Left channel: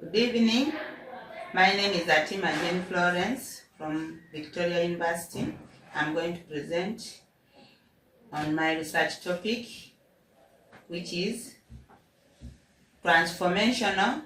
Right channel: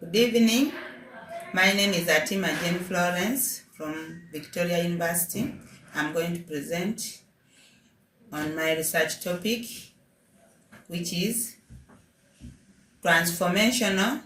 Good evening. My name is Atima Jane Florence from Victoria University. I'm going to present on my research topic, which is transformational,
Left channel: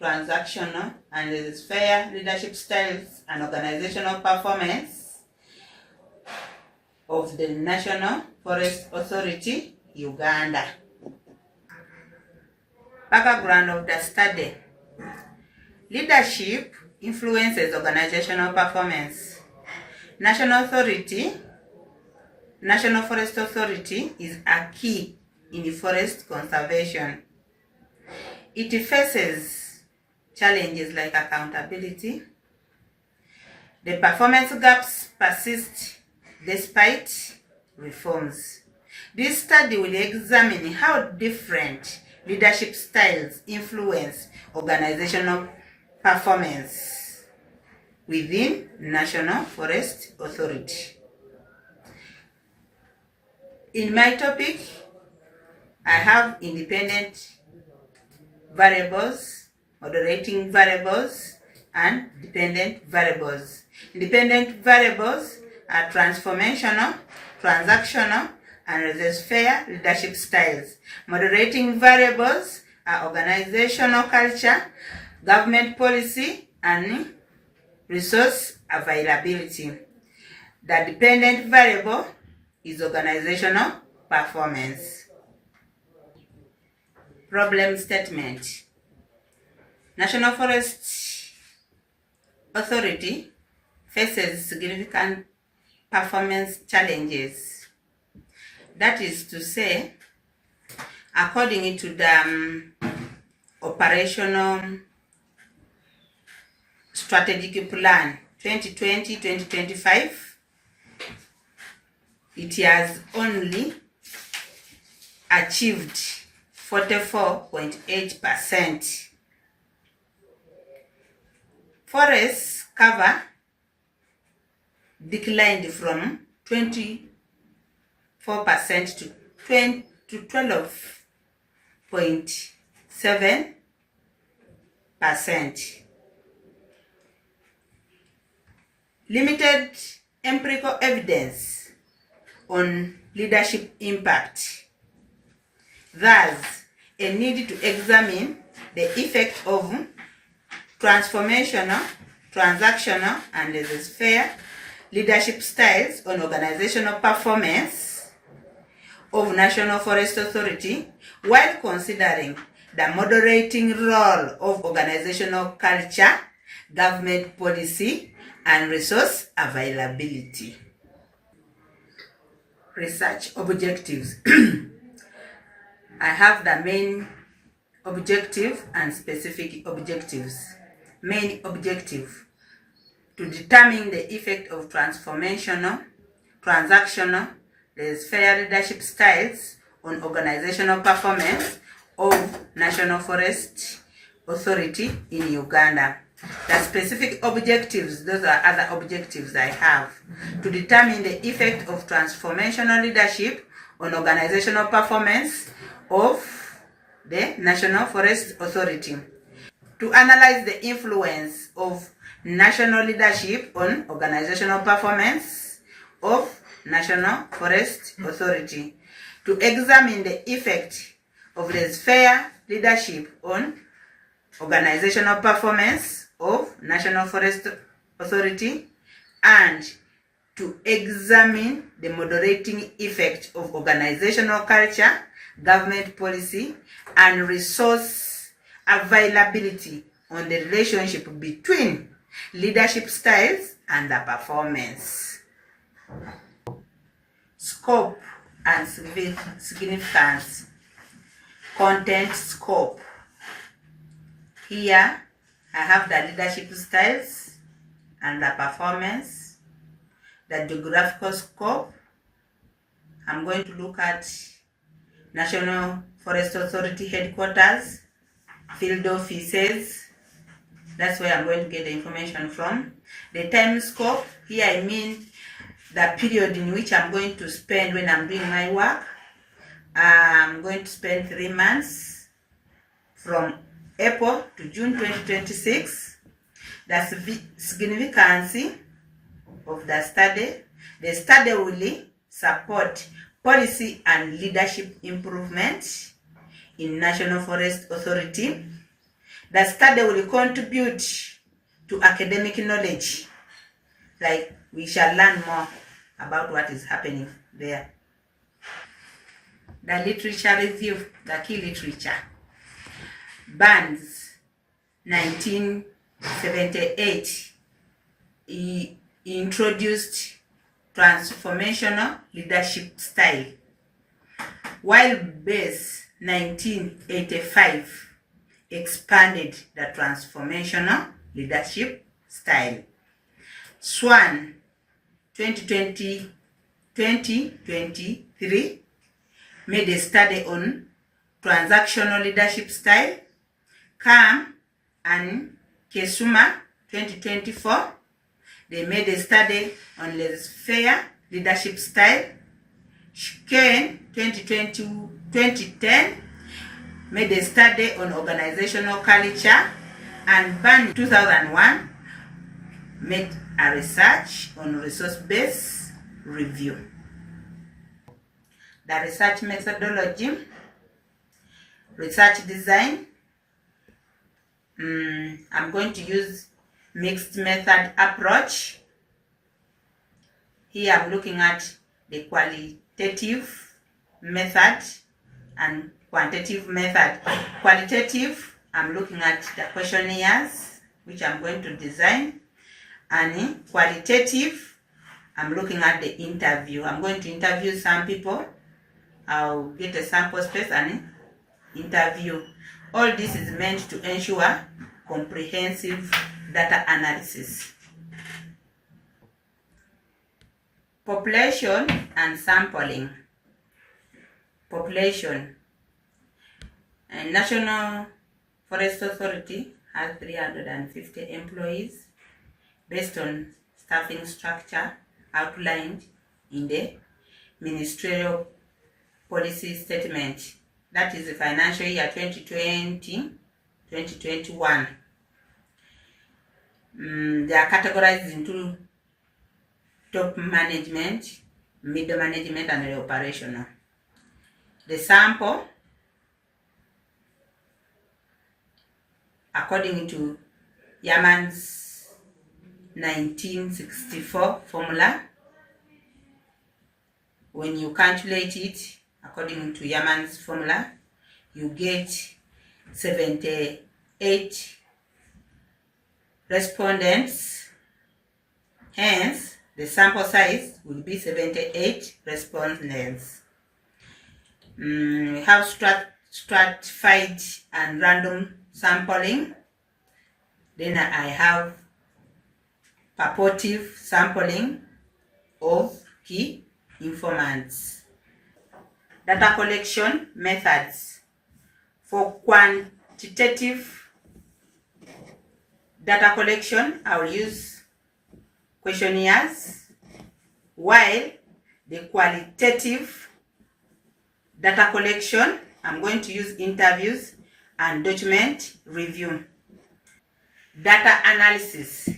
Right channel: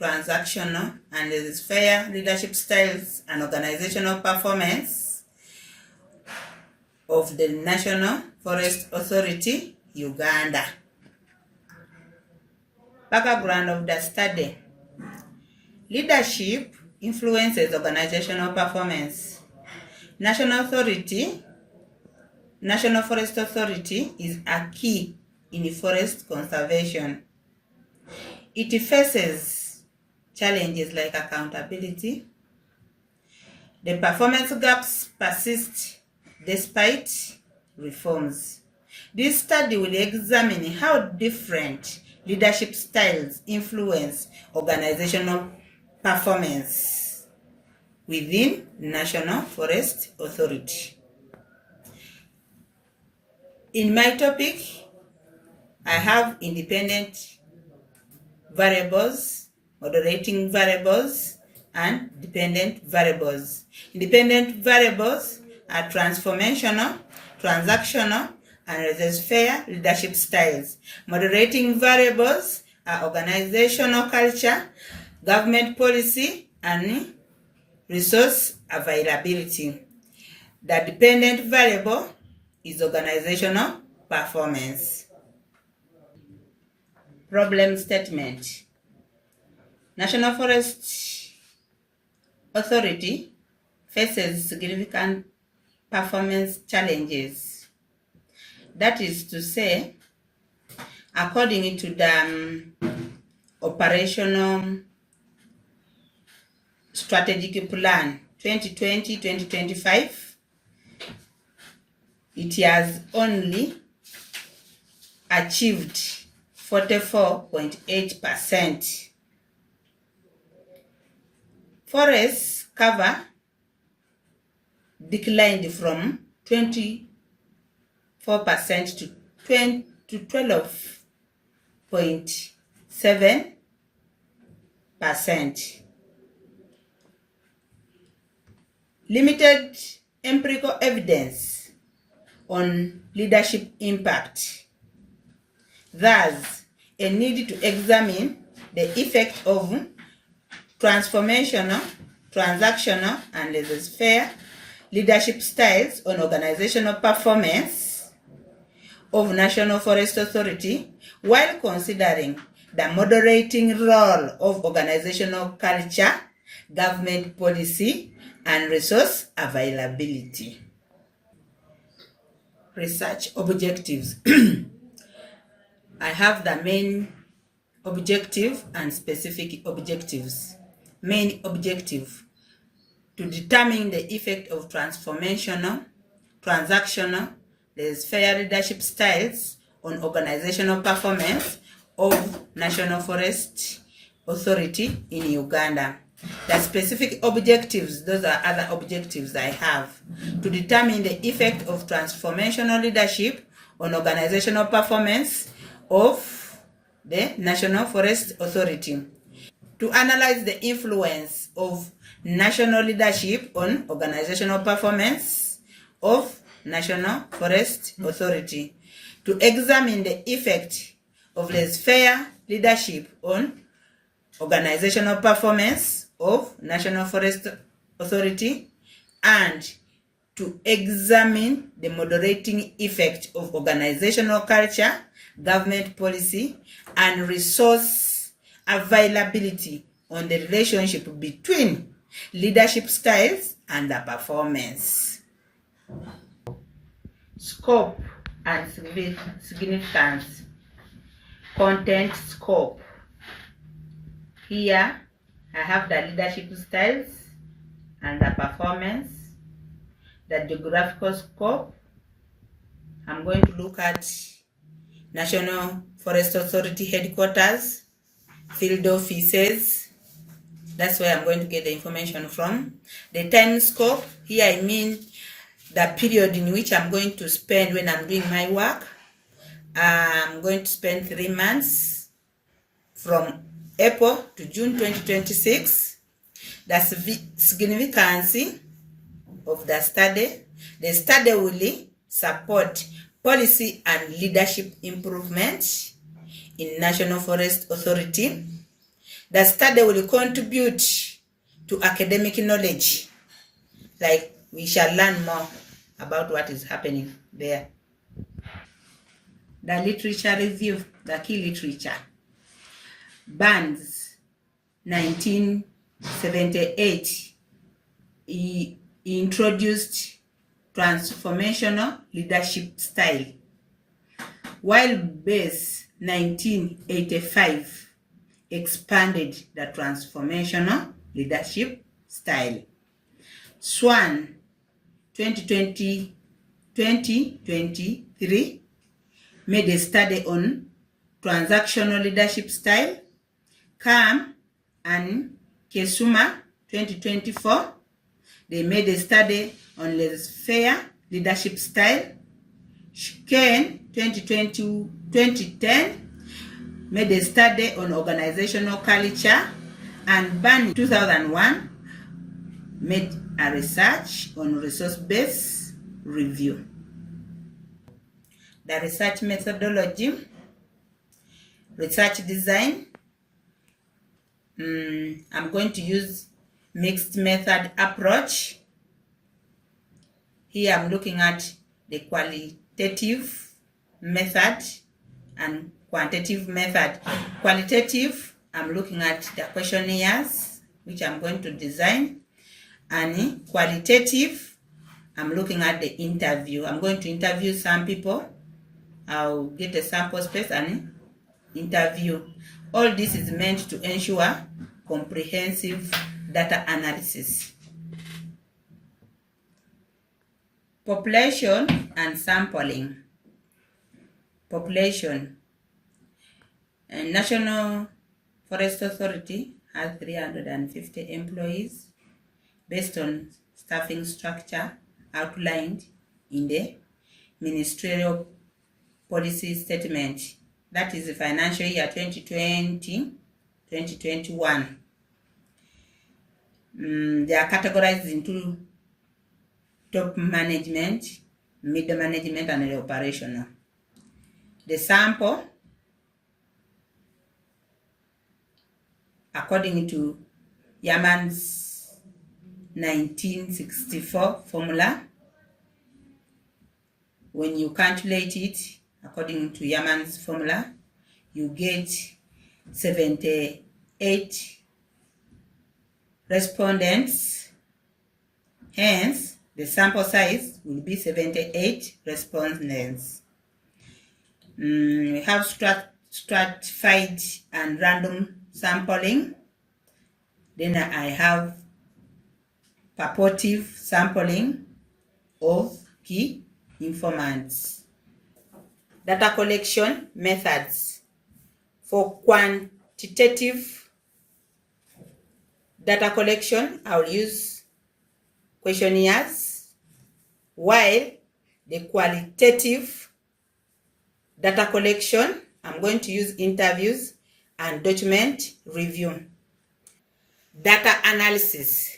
transactional, and fair leadership styles and organizational performance of the National Forest Authority, Uganda. Background of the study. Leadership influences organizational performance. National Forest Authority is a key in forest conservation. It faces challenges like accountability. The performance gaps persist despite reforms. This study will examine how different leadership styles influence organizational performance within National Forest Authority. In my topic, I have independent variables, moderating variables, and dependent variables. Independent variables are transformational, transactional, and laissez-faire leadership styles. Moderating variables are organizational culture, government policy, and resource availability. The dependent variable is organizational performance. Problem statement. National Forest Authority faces significant performance challenges. That is to say, according to the operational strategic plan 2020-2025, it has only achieved 44.8%. Forest cover declined from 24% to 12.7%. Limited empirical evidence on leadership impact. Thus, a need to examine the effect of transformational, transactional, and laissez-faire leadership styles on organizational performance of National Forest Authority while considering the moderating role of organizational culture, government policy, and resource availability. Research objectives. I have the main objective and specific objectives. Main objective: to determine the effect of transformational, transactional, laissez-faire leadership styles on organizational performance of National Forest Authority in Uganda. The specific objectives, those are other objectives I have. To determine the effect of transformational leadership on organizational performance of the National Forest Authority. To analyze the influence of national leadership on organizational performance of National Forest Authority. To examine the effect of laissez-faire leadership on organizational performance of National Forest Authority, and to examine the moderating effect of organizational culture, government policy, and resource availability on the relationship between leadership styles and the performance. Scope and significance. Content scope. Here I have the leadership styles and the performance. The geographical scope, I'm going to look at National Forest Authority headquarters, field offices. That's where I'm going to get the information from. The time scope, here I mean the period in which I'm going to spend when I'm doing my work. I'm going to spend 3 months from April to June 2026. The significance of the study. The study will support policy and leadership improvement in National Forest Authority. The study will contribute to academic knowledge, like we shall learn more about what is happening there. The literature review, the key literature. Burns, 1978, he introduced transformational leadership style, while Bass, 1985, expanded the transformational leadership style. Swan, 2023, made a study on transactional leadership style. Kam and Kesuma, 2024, they made a study on laissez-faire leadership style. Shken, 2010, made a study on organizational culture. And Ban, 2001, made a research on resource-based review. The research methodology, research design. I'm going to use mixed method approach. Here I'm looking at the qualitative method and quantitative method. Qualitative, I'm looking at the questionnaires, which I'm going to design. And qualitative, I'm looking at the interview. I'm going to interview some people. I'll get a sample space and interview. All this is meant to ensure comprehensive data analysis. Population and sampling. Population. And National Forest Authority has 350 employees based on staffing structure outlined in the Ministerial Policy Statement. That is the financial year 2020-2021. They are categorized into top management, middle management, and the operational. The sample, according to Yaman's 1964 formula, when you calculate it according to Yaman's formula, you get 78 respondents. Hence, the sample size will be 78 respondents. We have stratified and random sampling. Then I have purportive sampling of key informants. Data collection methods. For quantitative data collection, I will use questionnaires, while the qualitative data collection, I'm going to use interviews and document review. Data analysis.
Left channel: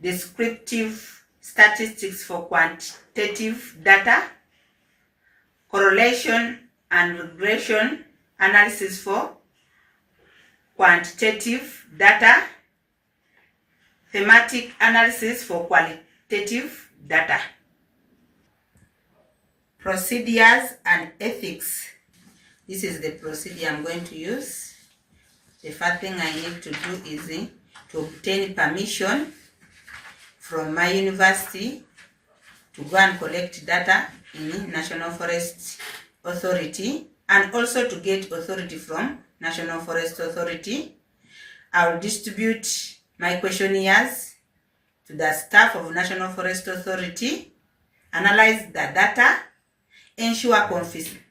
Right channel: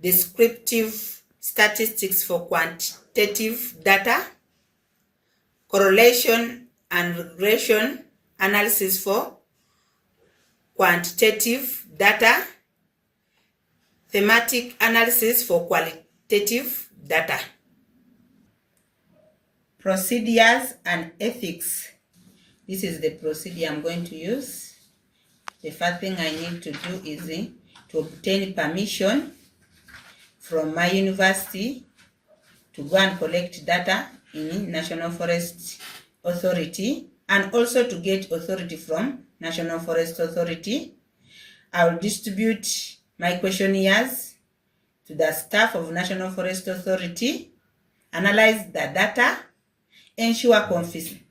Descriptive statistics for quantitative data. Correlation and regression analysis for quantitative data. Thematic analysis for qualitative data. Procedures and ethics. This is the procedure I'm going to use. The first thing I need to do is to obtain permission from my university to go and collect data in National Forest Authority, and also to get authority from National Forest Authority. I will distribute my questionnaires to the staff of National Forest Authority, analyze the data, ensure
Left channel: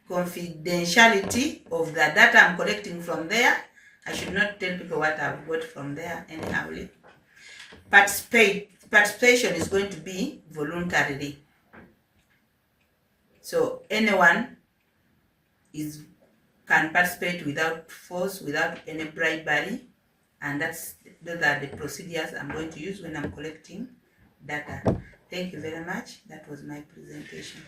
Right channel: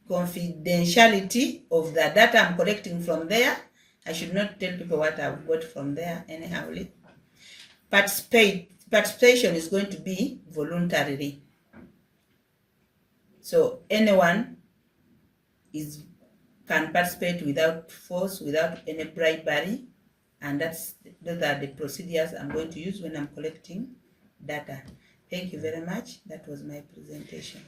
confidentiality of the data I'm collecting from there. I should not tell people what I've got from there anyhow. Participation is going to be voluntary. So anyone can participate without force, without any bribery, and those are the procedures I'm going to use when I'm collecting data. Thank you very much. That was my presentation.